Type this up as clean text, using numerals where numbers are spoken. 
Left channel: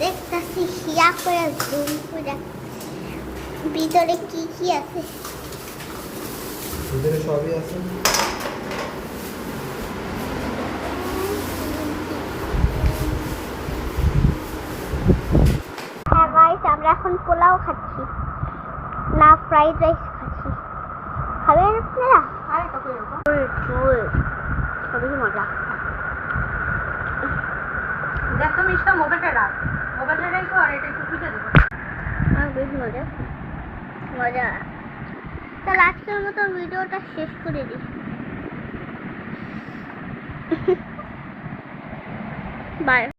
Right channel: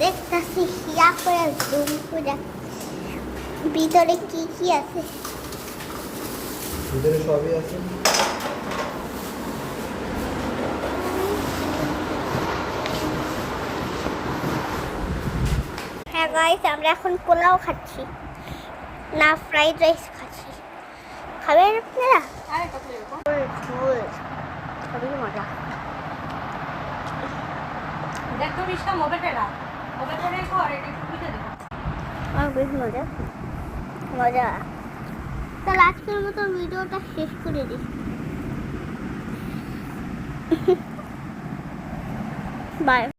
দেখতেছি হিয়া করে জুম করে ভিতরে কি কি আছে। ভিতরে সবই আছে। হ্যাঁ গাইস, আমরা এখন পোলাও খাচ্ছি না ফ্রাইড রাইস খাচ্ছি। খাবেন আপনারা? খুবই মজা। দেখো মিষ্টা মোবাইলটা রাখ, মোবাইলটা রেখো আর এটা একটু বুঝে দিও। আর বেশ মজা মজা। তাহলে আজকের মতো ভিডিওটা শেষ করে দিই। বাই।